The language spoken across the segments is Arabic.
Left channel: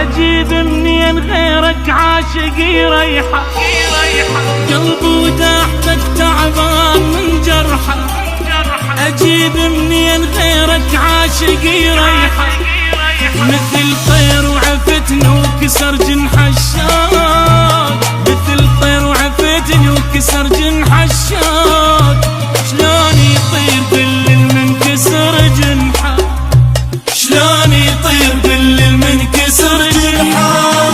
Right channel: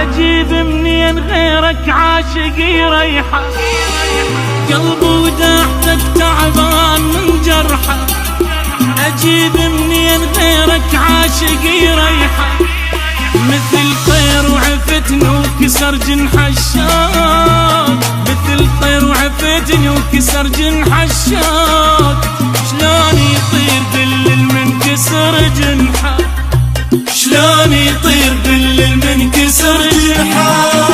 أجيب منين غيرك عاشق يريحه، قلبي وداحتك تعبان من جرحه. أجيب منين غيرك عاشق يريحه، مثل طير وعفتني وكسر جنح الشوق، مثل طير وعفتني وكسر جنح الشوق. شلون يطير قل من كسر جنحه، شلون يطير قل من كسر جنحه.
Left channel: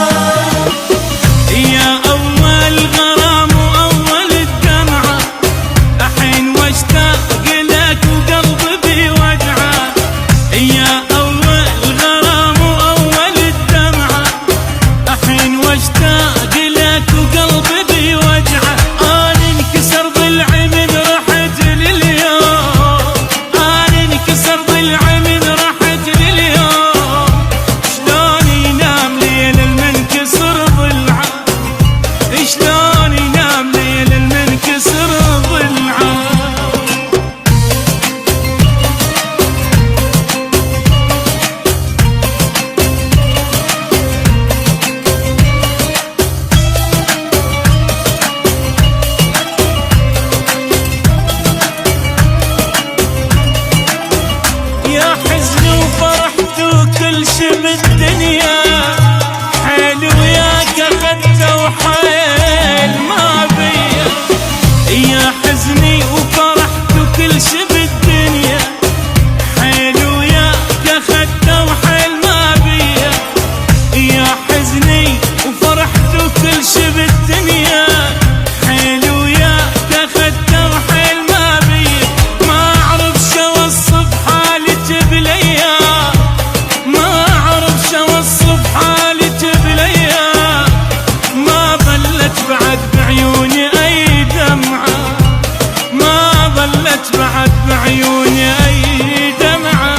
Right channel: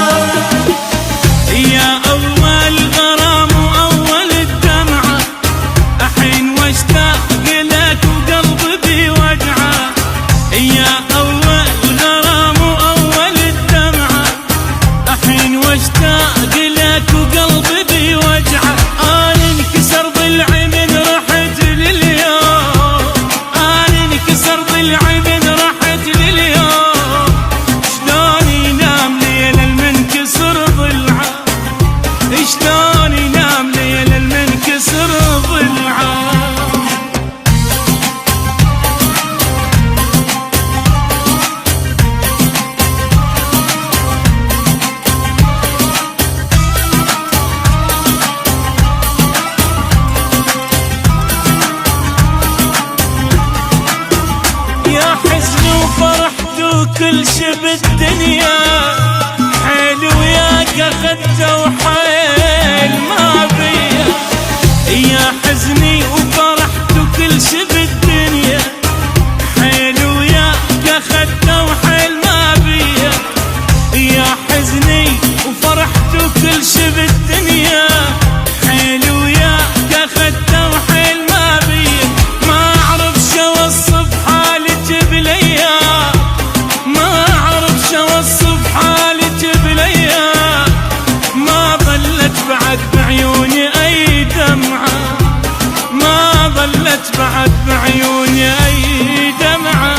يا أول غرام وأول الدمعة، أحين واشتاق لك وقلبي بوجعه. يا أول غرام وأول الدمعة، أحين واشتاق لك وقلبي بوجعه. أنا انكسر ضلعي من رحت لليوم، أنا انكسر ضلعي من رحت لليوم. شلون ينام ليل المنكسر ضلعه، شلون ينام ليل المنكسر ضلعه. يا حزن وفرحت وكل شي بالدنيا، حيل وياك اخدته وحيل ما بيا. يا حزني وفرحت وكل شي بالدنيا، حيل وياك اخدته وحيل ما بيا. يا حزني وفرحت وكل شي بالدنيا، حيل وياك اخدته وحيل ما بيا. ما اعرف شو اوصف حالك بالايام، ما اعرف شو اوصف حالك بالايام. ما ظلت بعد بعيوني اي دمعه، ما ظلت بعد بعيوني اي دمعه.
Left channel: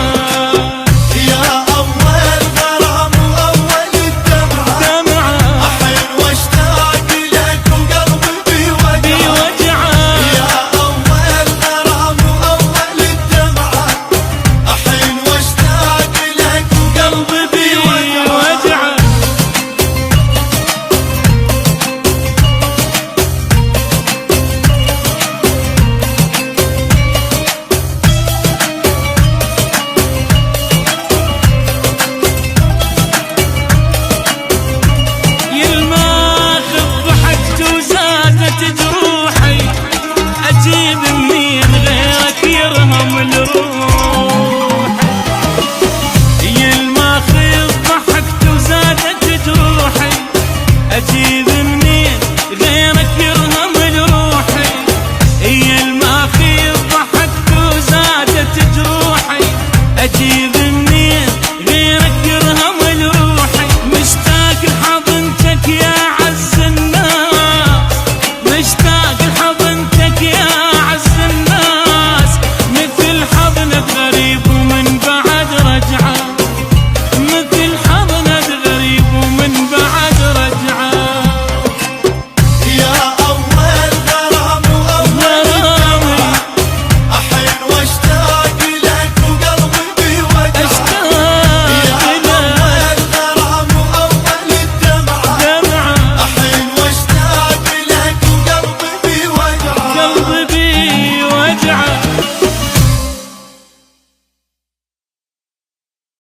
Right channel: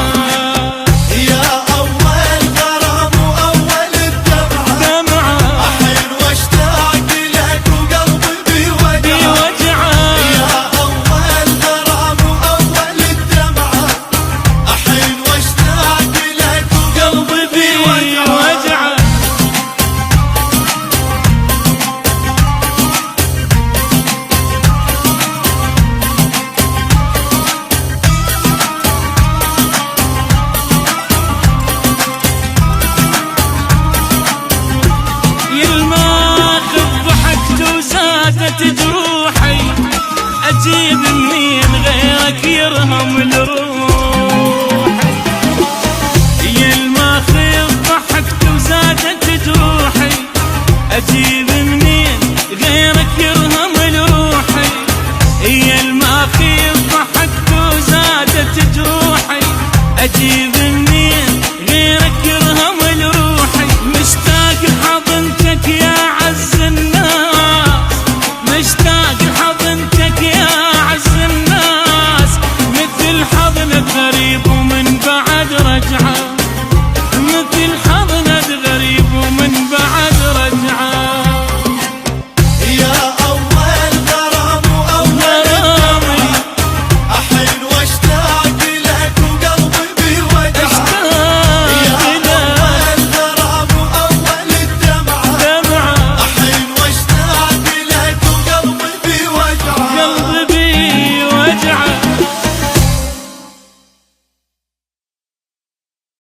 وزادت جروحي، أجيب منين غيرك يرهم الروحي. يا الماخذ